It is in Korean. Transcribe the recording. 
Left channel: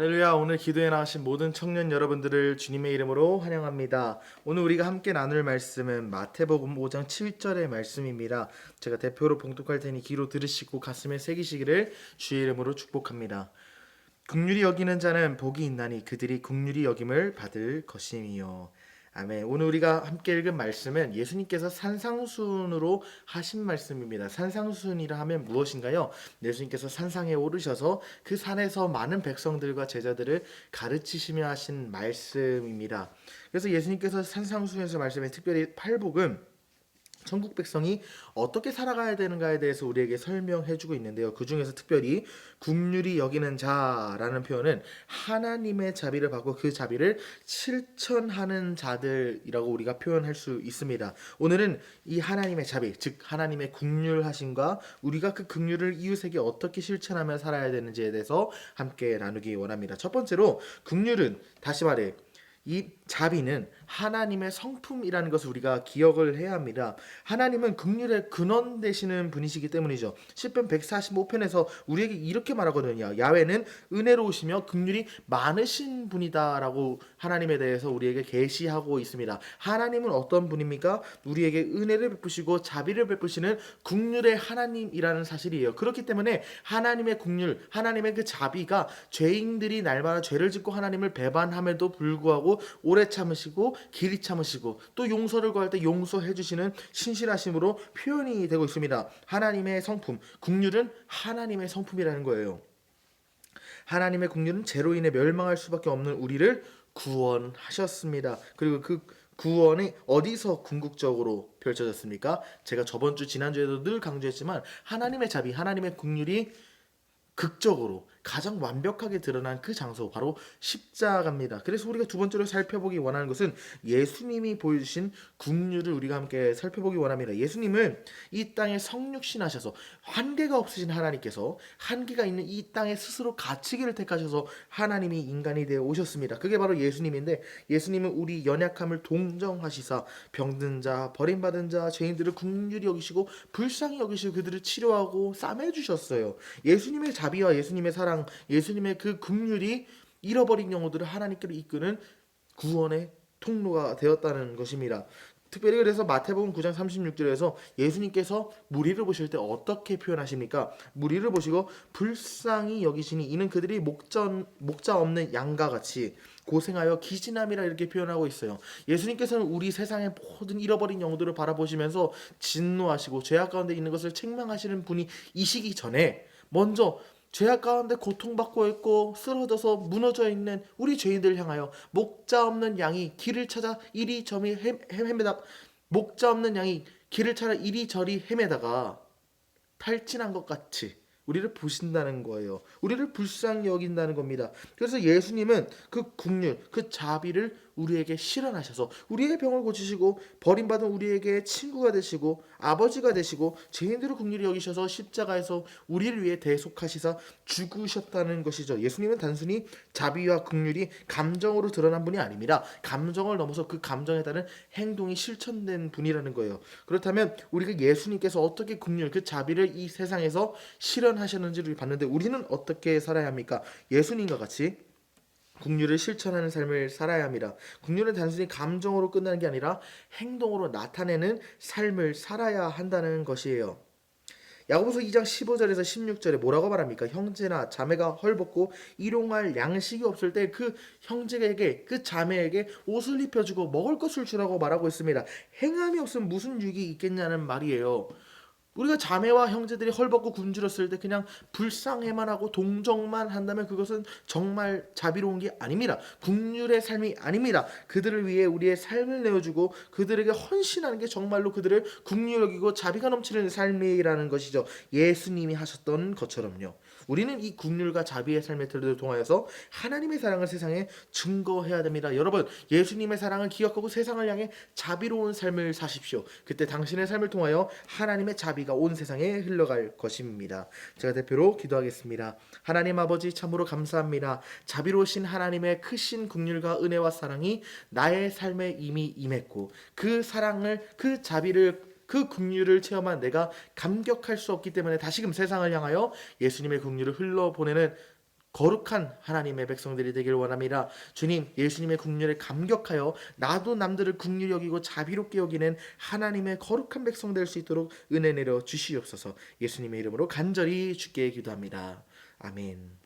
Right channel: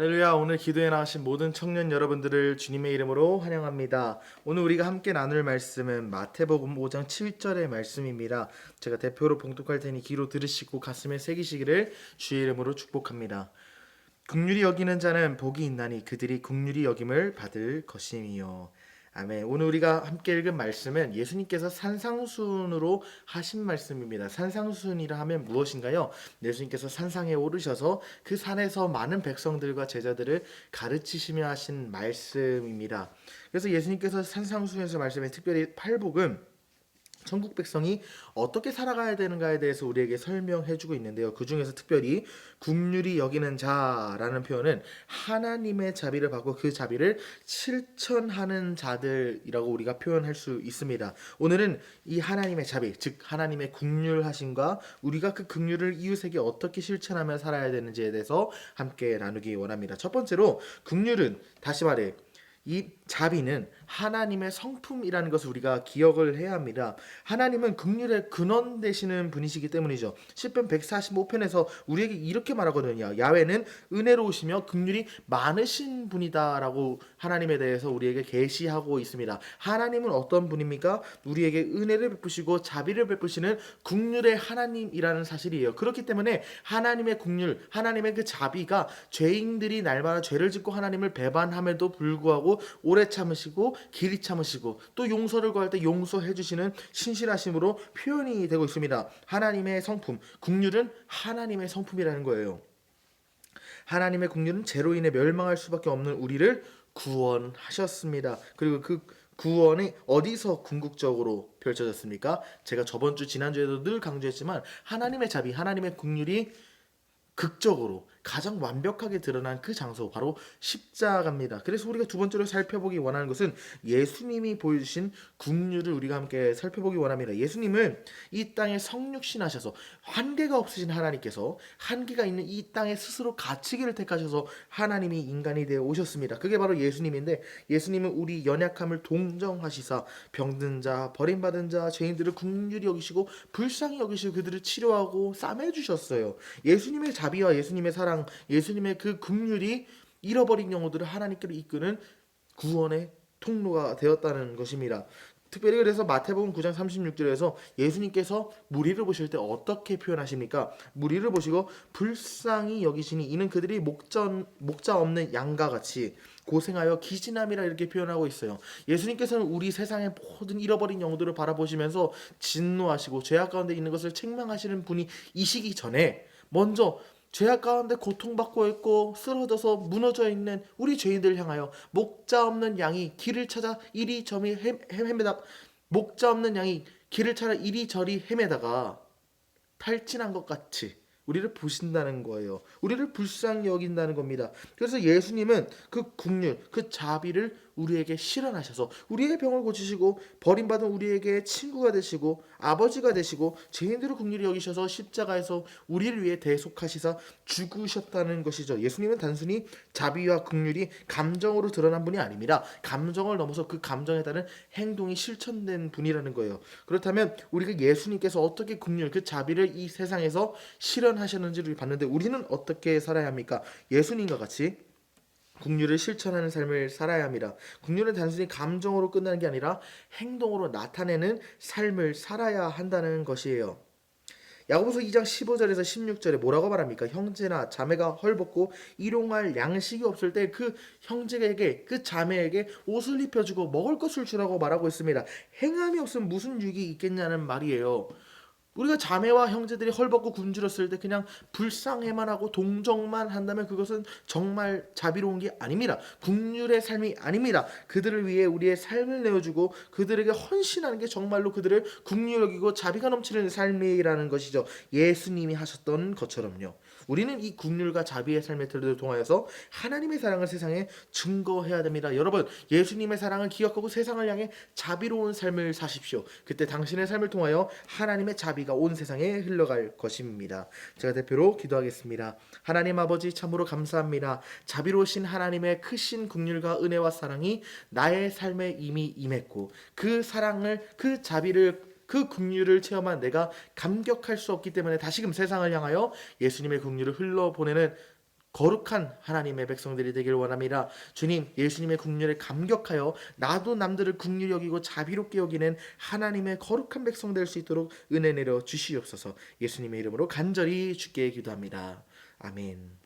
할렐루야. 오늘 기도에 나오신 모든 청년 여러분들을 주님의 이름으로 환영합니다. 오늘 우리가 함께 나눌 말씀은 마태복음 5장 7절의 말씀입니다. 제가 대표로 봉독할 테니 귀로 들으시고 가슴에 새기시기를 주의 이름으로 축복합니다. 긍휼히 여기는 자는 복이 있나니 그들이 긍휼히 여김을 받을 것임이요. 아멘. 오늘 우리가 함께 읽은 말씀은 예수님께서 산상수훈으로 하신 말씀입니다. 산상수훈이라 하면 무엇인가요? 예수님께서 산상에 오르셔서 그 산에서 많은 백성들과 제자들을 가르치시며 하신 말씀입니다. 그래서 예수님께서 산상수훈에서 말씀해 특별히 팔복은 천국 백성이 어떻게 살아가야 되는가에 대해서 우리에게 설명해주고 있는데요. 그 중에서 특별히 긍휼히 여기는 자라는 표현은 하나님의 자비를 받고 그 자비를 실천하는 자들이라고 우리가 표현할 수 있습니다. 오늘은 이 하나님의 자비, 즉 하나님의 긍휼하심과 우리가 그 긍휼을 이웃에게 어떻게 실천하며 살아야 되는지에 대해서 함께 나누기 원합니다. 첫 번째로 긍휼은 다시 말해 이 자비는 하나님의 성품이라는 것을 우리가 기억을 해야 합니다. 하나님은 긍휼의 근원 되시는 분이시기 때문이죠. 시편 145편에서 우리에게 이렇게 말하거든요. 야훼는 은혜로우시며 긍휼이 많으신 분이다라고 하나님에 대해서 우리에게 계시하고 있습니다. 하나님은 어떤 분입니까? 우리에게 은혜를 베푸시고 자비를 베푸시는 긍휼의 하나님이라는 사실이에요. 그렇기 때문에 하나님의 긍휼, 하나님의 그 자비가 죄인들이 날마다 죄를 짓고 하나님을 배반함에도 불구하고 오래 참으시고 길이 참으시고 또 용서를 구할 때 용서해 주시는 신실하심으로 표현이 되고 있습니다. 하나님의 성품, 긍휼은 하나님의 성품이라는 거예요. 하나님의 긍휼은 죄로 인해 멸망할 수밖에 없는 우리를 구원하셨습니다. 그리고 그 구원이 어디서 궁극적으로 펼쳐졌습니까? 제가 지난주에도 늘 강조했지만 하나님의 자비, 하나님의 긍휼이 극적으로 가장 완벽하게 드러난 그 장소 바로 십자가입니다. 그래서 우리가 두 번째로 살펴보기 원하는 것은 예수님이 보여주신 긍휼을 우리가 함께 살펴보기 원합니다. 예수님은 이 땅에 성육신하셔서 한계가 없으신 하나님께서 한계가 있는 이 땅에 스스로 갇히기를 택하셔서 하나님이 인간이 되어 오셨습니다. 그게 바로 예수님인데 예수님은 우리 연약함을 동정하시사 병든 자, 버림받은 자, 죄인들을 긍휼히 여기시고 불쌍히 여기시고 그들을 치료하고 싸매주셨어요. 예수님의 자비와 예수님의 사랑, 예수님의 그 긍휼이 잃어버린 영혼들을 하나님께로 이끄는 구원의 통로가 되었다는 것입니다. 특별히 그래서 마태복음 9장 36절에서 예수님께서 무리를 보실 때 어떻게 표현하십니까? 무리를 보시고 불쌍히 여기시니 이는 그들이 목자 없는 양과 같이 고생하여 기진함이라 이렇게 표현하고 있어요. 예수님께서는 우리 세상의 모든 잃어버린 영혼들을 바라보시면서 진노하시고 죄악 가운데 있는 것을 책망하시는 분이 이시기 전에 먼저 죄악 가운데 고통받고 있고 쓰러져서 무너져 있는 우리 죄인들을 향하여 목자 없는 양이 길을 찾아 이리저리 헤매다 목자 없는 양이 길을 찾아 이리저리 헤매다가 탈진한 것 같이 우리를 보신다는 거예요. 우리를 불쌍히 여긴다는 겁니다. 그래서 예수님은 그 긍휼, 그 자비를 우리에게 실현하셔서 우리의 병을 고치시고 버림받은 우리에게 친구가 되시고 아버지가 되시고 죄인들을 긍휼히 여기셔서 십자가에서 우리를 위해 대속하시사 죽으셨다는 것이죠. 예수님은 단순히 자비와 긍휼이 감정으로 드러난 분이 아닙니다. 감정을 넘어서 그 감정에 따른 행동이 실천된 분이라는 거예요. 그렇다면 우리가 예수님께서 어떻게 긍휼, 그 자비를 이 세상에서 실현하셨는지를 봤는데 우리는 어떻게 살아야 합니까? 예수님과 같이 긍휼을 실천하는 삶을 살아야 합니다. 긍휼은 단순히 감정으로 끝나는 게 아니라 행동으로 나타내는 삶을 살아야 한다는 것이에요. 야고보서 2장 15절에서 16절에 뭐라고 말합니까? 형제나 자매가 헐벗고 일용할 양식이 없을 때 그 형제에게 그 자매에게 옷을 입혀주고 먹을 것을 주라고 말하고 있습니다. 행함이 없으면 무슨 유익이 있겠냐는 말이에요. 우리가 자매와 형제들이 헐벗고 굶주렸을 때 그냥 불쌍해만 하고 동정만 한다면 그것은 정말 자비로운 게 아닙니다. 긍휼의 삶이 아닙니다. 그들을 위해 우리의 삶을 내어주고 그들에게 헌신하는 게 정말로 그들을 긍휼히 여기고 자비가 넘치는 삶이라는 것이죠. 예수님이 하셨던 것처럼요. 우리는 이 긍휼과 자비의 삶의 틀을 통하여서 하나님의 사랑을 세상에 증거해야 됩니다. 여러분, 예수님의 사랑을 기억하고 세상을 향해 자비로운 삶을 사십시오. 그때 당신의 삶을 통하여 하나님의 자비가 온 세상에 흘러갈 것입니다. 제가 대표로 기도하겠습니다. 하나님 아버지 참으로 감사합니다. 자비로우신 하나님의 크신 긍휼과 은혜와 사랑이 나의 삶에 이미 임했고 그 사랑을 그 자비를 그 긍휼을 체험한 내가 감격할 수 없기 때문에 다시금 세상을 향하여 예수님의 긍휼을 흘러보내는 거룩한 하나님의 백성들이 되길 원합니다. 주님, 예수님의 국률에 감격하여 나도 남들을 국률 여기고 자비롭게 여기는 하나님의 거룩한 백성 될 수 있도록 은혜 내려 주시옵소서. 예수님의 이름으로 간절히 주께 기도합니다. 아멘.